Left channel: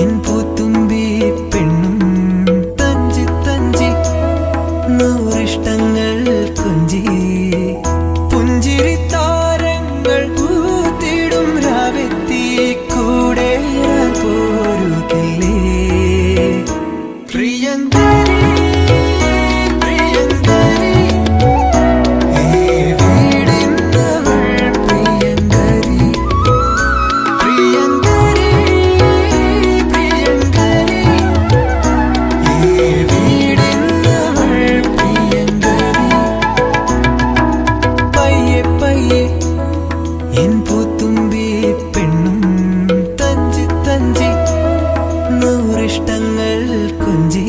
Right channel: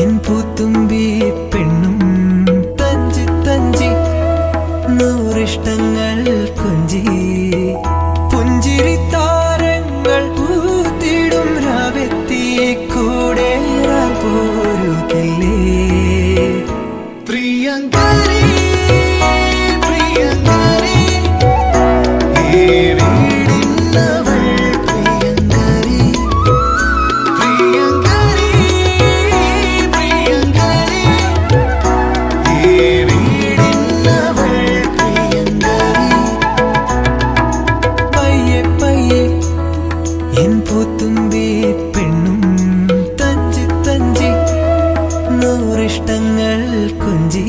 N പൂത്തുമ്പി പെണ്ണും തഞ്ചി തഞ്ചി നൂറിഷ്ടങ്ങൾ കൊഞ്ചി പുഞ്ചിരി താരങ്ങൾ പൂത്തിടും രാവെത്തി കൂടെ പോരുകില്ലേ എൻ പൂത്തുമ്പി പെണ്ണും തഞ്ചി തഞ്ചി നൂറിഷ്ടങ്ങൾ കൊഞ്ചി